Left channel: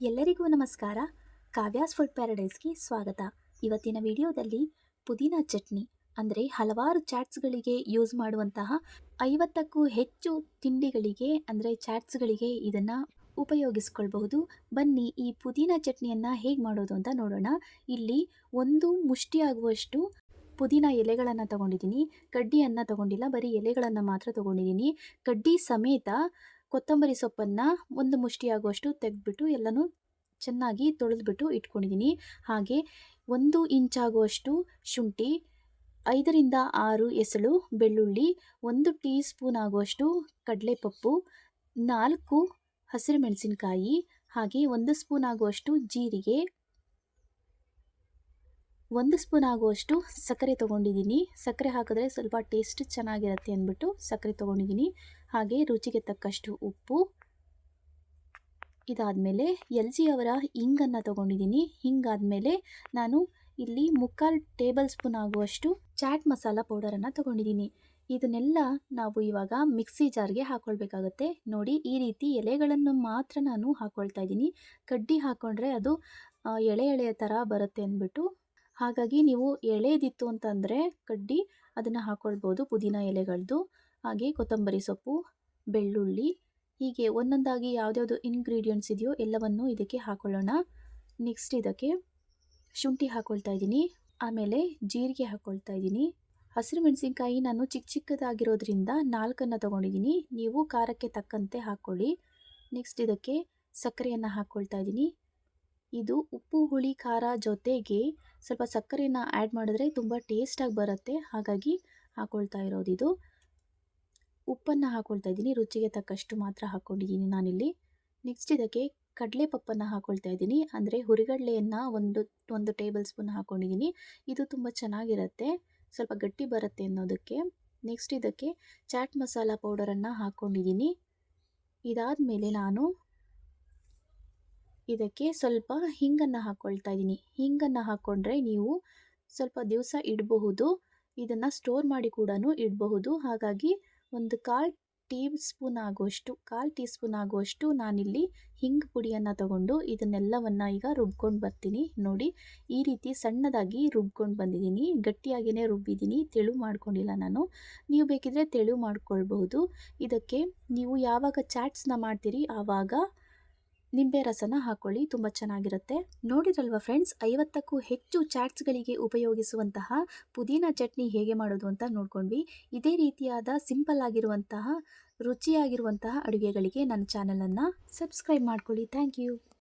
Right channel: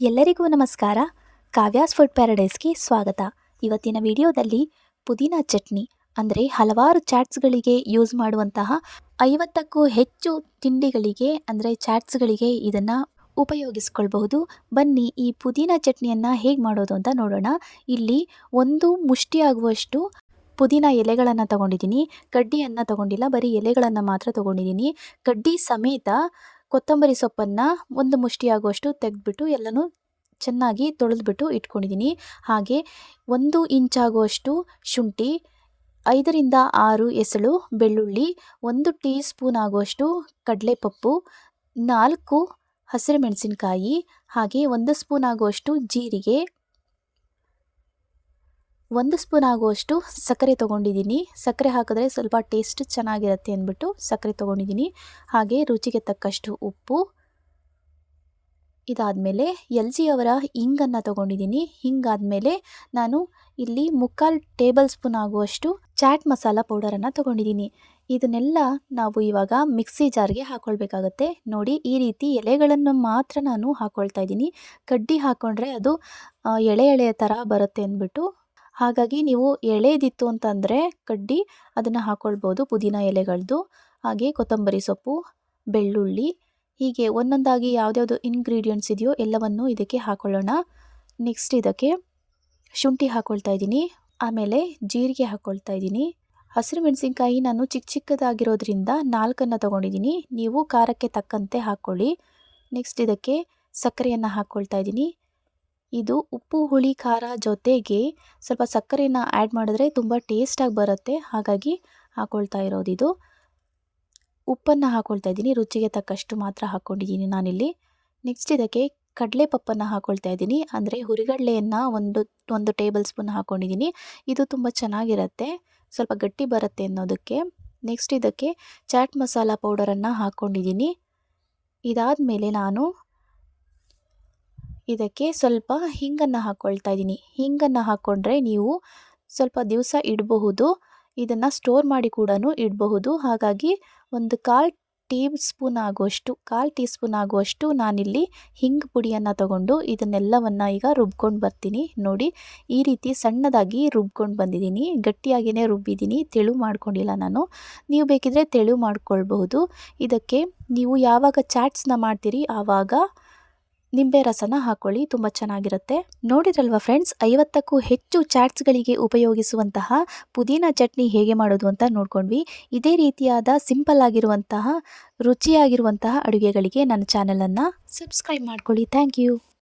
ಎಲ್ಲರಿಗೂ ನಮಸ್ಕಾರ. ಕಾವ್ಯಾಸ್ ಫುಡ್ ಪ್ಯಾರಡೈಸ್ಗೆ ಸ್ವಾಗತ. ಇವತ್ತಿನ ವಿಡಿಯೋದಲ್ಲಿ ಪುದೀನ ಚಟ್ನಿ ಅಂದರೆ ಹಲವಾರು ಚಾಟ್ಸ್ಗಳಿಗೆ ಯೂಸ್ ಮಾಡುವಂತಹ 50ಕ್ಕೂ ಹೆಚ್ಚು ತಿಂಡಿಗಳಿಗೆ ಅಂದರೆ ಚಾಟ್ಸ್ಗಳಿಗೆ ಇದನ್ನು ಉಪಯೋಗಿಸ್ಕೊಳ್ಬಹುದು. ಬನ್ನಿ ಈ ಪುದೀನ ಚಟ್ನಿಯನ್ನು ಹೇಗೆ ಮಾಡೋದು ಅಂತ ನೋಡೋಣ. ಇಲ್ಲಿ ಒಂದು ಮುಷ್ಟಿ ಆಗುವಷ್ಟು ಪುದೀನ ಎಲೆಗಳನ್ನು ತಗೊಂಡಿದ್ದೀನಿ. ಕಡ್ಡಿಯನ್ನು ತಗೊಂಡಿಲ್ಲ, ಬರೀ ಎಲೆಗಳನ್ನು ಮಾತ್ರ ತಗೊಂಡಿದ್ದೀನಿ. ಕಡ್ಡಿ ಸಮೇತ ಕೊತ್ತಂಬರಿ ಸೊಪ್ಪನ್ನು ಒಂದು ಮುಷ್ಟಿ ಆಗುವಷ್ಟು ತೆಗೆದ್ಬಿಟ್ಟು ಎಲ್ಲನೂ ಚೆನ್ನಾಗಿ ತೊಳೆದ್ಬಿಟ್ಟು ಇಟ್ಕೊಂಡಿದ್ದೀನಿ. ಹಾಗೆ 1 ಇಂಚಾಗುವಷ್ಟು ಶುಂಠಿ, 5ರಿಂದ 6 ಎಸಳು ಬೆಳ್ಳುಳ್ಳಿ, 1 ಟೀ ಸ್ಪೂನ್ ಆಗುವಷ್ಟು ಕಡಲೆಪಪ್ಪು, 4 ಹಸಿರು ಮೆಣಸಿನಕಾಯಿ, ಹಾಗೆ 1 ಸ್ಪೂನ್ ಆಗುವಷ್ಟು ಜೀರಿಗೆ, 1 ಸ್ಪೂನ್ ಆಗುವಷ್ಟು ಸಕ್ಕರೆ ತೊಗೊಂಡಿದ್ದೀನಿ. ಸಕ್ಕರೆ ಹಾಕಿದ್ರೆ ಸ್ವಲ್ಪ ಟೇಸ್ಟ್ ಚೆನ್ನಾಗಿರುತ್ತೆ ಅಂದ್ಬಿಟ್ಟು ಸಕ್ಕರೆ ತೊಗೊಂಡಿದ್ದೀನಿ. ಹಾಗೆ ರುಚಿಗೆ ತಕ್ಕಷ್ಟು ಉಪ್ಪು. ಇದಾದಮೇಲೆ ಎಲ್ ಜಿ ಅವರ ಹಿಂಗನ್ನು ತೊಗೊಂಡಿದ್ದೀನಿ. ಹಿಂಗಾದಮೇಲೆ ನಾನು ಇಲ್ಲಿ 3/4 ಟೇಬಲ್ ಸ್ಪೂನ್ ಆಗುವಷ್ಟು ಚಾಟ್ ಮಸಾಲ ಪೌಡರನ್ನು ತೊಗೊಂಡಿದ್ದೀನಿ. ಇದನ್ನೆಲ್ಲ ನಾವು ಇವಾಗ ಮಿಕ್ಸಿ ಜಾರ್ಗೆ ಹಾಕ್ಕೊಳ್ಬೇಕಾಗತ್ತೆ. ನೋಡಿ, ಈ ರೀತಿ ಎಲೆಗಳನ್ನು ಮಾತ್ರ ನಾನು ಹಾಕ್ಕೊಳ್ತಾ ಇದ್ದೀನಿ. ಕಡ್ಡಿ ಹಾಕ್ಕೊಂಡ್ರೆ ಅದು ಎಳೆ ಎಳೆಯ ಥರ ಬರುತ್ತೆ ಅಂದ್ಬಿಟ್ಟು, ಹಾಗಾಗಿ ನೀವು ಎಳೆದಿತ್ತು ಅಂತಂದರೆ ಕಡ್ಡಿ ಅದನ್ನು ಹಾಕ್ಕೊಳ್ಬೋದು, ಪುದೀನ ಎಲೆಗಳದ್ದು. ಹಾಗೆ ಕೊತ್ತಂಬರಿ ಸೊಪ್ಪು, ಬೆಳ್ಳುಳ್ಳಿ, ಹೀಗೆ ಒಂದೊಂದಾಗಿ ಯಾವುದ್ಯಾವುದು ಇಂಗ್ರೀಡಿಯೆಂಟ್ಸ್ ಇದೆಯೋ ಎಲ್ಲವನ್ನು ಇದಕ್ಕೆ ಹಾಕ್ಕೊಳ್ಳೋಣ. ನೆಕ್ಸ್ಟ್ ಇದಕ್ಕೆ ಶುಂಠಿ ಹಾಕ್ಕೊಳ್ತಾ ಇದ್ದೀನಿ. ಆಮೇಲೆ ಜೀರಿಗೆ ಹಾಕ್ಕೊಳ್ತಾ ಇದ್ದೀನಿ. ಹಸಿರು ಮೆಣಸಿನ್ಕಾಯಿ ನಾನು ಚಿಕ್ಕದಾಗಿರೋದ್ರಿಂದ 4 ತೊಗೊಂಡಿದ್ದೀನಿ. ನೀವು ಖಾರಕ್ಕೆ ತಕ್ಕಂತೆ ಹಾಕ್ಕೊಳ್ಳಿ. ನೆಕ್ಸ್ಟ್ ಇದಕ್ಕೆ ಸಕ್ಕರೆಯನ್ನು ಹಾಕ್ಕೊಳ್ತಾ ಇದ್ದೀನಿ. ಇದು ಉಪ್ಪು ಹುಳಿ ಖಾರ ಜೊತೆಗೆ ಸ್ವಲ್ಪ ಸಕ್ಕರೆಯನ್ನು ಆ್ಯಡ್ ಮಾಡಿದ್ರೆ ತುಂಬ ಟೇಸ್ಟಾಗಿ ಬರುತ್ತೆ, ಹಾಗಾಗಿ ಹಾಕ್ಕೊಳ್ತಾ ಇರೋದಿದು. ಉಪ್ಪನ್ನು ಹಾಕ್ಕೊಳ್ತಾ ಇದ್ದೀನಿ, ರುಚಿಗೆ ತಕ್ಕಷ್ಟು ಮಾತ್ರ ಹಾಕ್ಕೊಂಡಿದ್ದೀನಿ ನಾನಿಲ್ಲಿ. ನೆಕ್ಸ್ಟ್ ಇದಕ್ಕೆ ಕಡಲೆಪಪ್ಪನ್ನು ಹಾಕ್ಕೊಳ್ತಾ ಇದ್ದೀನಿ. ಅಂದರೆ ಹುರಿಗಡಲೆಯನ್ನು ಒಂದು ಟೇಬಲ್ ಸ್ಪೂನ್ ಹಾಕ್ಕೊಂಡಿದ್ದೀನಿ. ಇದು ತುಂಬ ಚೆನ್ನಾಗಿರುತ್ತೆ, ಸ್ವಲ್ಪ ಗಟ್ಟಿ ಬರುತ್ತೆ ಅನ್ನೋದಕ್ಕೆ. ನೆಕ್ಸ್ಟ್ ಇದಕ್ಕೆ ಚಾಟ್ ಮಸಾಲ ಪೌಡರನ್ನು ಹಾಕ್ಕೊಂಡಿದ್ದೀನಿ. ಇದಾದಮೇಲೆ ನಾನು ಇದಕ್ಕೆ ಸ್ವಲ್ಪ ಹಿಂಗನ್ನು ಹಾಕ್ಕೊಳ್ತಾ ಇದ್ದೀನಿ. ಹಿಂಗನ್ನು ಹಾಕ್ಕೊಂಡ್ರೆ ನೀವು ಸ್ವಲ್ಪ ದಿವಸ ಇಡಬಹುದು, ಇದನ್ನು ಸ್ಟೋರ್ ಮಾಡಿ ಕೂಡ ಇಡಬಹುದು. ಹಾಗಾಗಿ ಒಂದು 1/4 ಟೀ ಸ್ಪೂನ್ ಆಗುವಷ್ಟು ನಾನಿಲ್ಲಿ ಹಿಂಗ್ ಪುಡಿಯನ್ನು ತಗೊಂಡು ಇದನ್ನೆಲ್ಲವನ್ನು ಈಗ ರುಬ್ಕೊಂಡು ಬರ್ತೀನಿ. ನೋಡಿ, ಈ ರೀತಿ ಸಣ್ಣದಾಗಿ ರುಬ್ಕೊಂಡು ಬಂದಿದ್ದೀನಿ. ಗಟ್ಟಿಯಾಗಿಯೇ ರುಬ್ಬಿದ್ದೀನಿ, ತೆಳು ಮಾಡ್ಕೊಂಡಿಲ್ಲ ನಾನು. ನೀವು ಬೇಕಿದ್ರೆ ತೆಳು ಮಾಡ್ಕೊಳ್ಬಹುದು. ಇದಕ್ಕೆ ನೀವು ಯಾವಾಗ ಚಾಟ್ಸ್ನ ಮಾಡ್ತೀರಿ ಆವಾಗ ನಿಂಬೆ ರಸನ ಹಾಕ್ಕೊಳ್ಳಿ, ತುಂಬ ಚೆನ್ನಾಗಿರುತ್ತೆ. ನೋಡಿದ್ರಲ್ವ ಫ್ರೆಂಡ್ಸ್, 50ಕ್ಕೂ ಹೆಚ್ಚು ಚಾಟ್ಸ್ಗಳಿಗೆ ಉಪಯೋಗಿಸುವಂತಹ ಪುದೀನ ಚಟ್ನಿ ಹೇಗೆ ಮಾಡೋದು ಅಂತ ನೋಡ್ಕೊಂಡ್ವಿ. ಇದೇ ರೀತಿಯಾದ ಸಿಂಪಲ್ ಆಗಿರುವಂತಹ ರುಚಿಯಾಗಿರುವಂತಹ ಅಡುಗೆಗಳಿಗೆ ನನ್ನ ಚಾನಲನ್ನು ಸಬ್ಸ್ಕ್ರೈಬ್ ಮಾಡ್ಕೊಳ್ಳಿ. Thank you.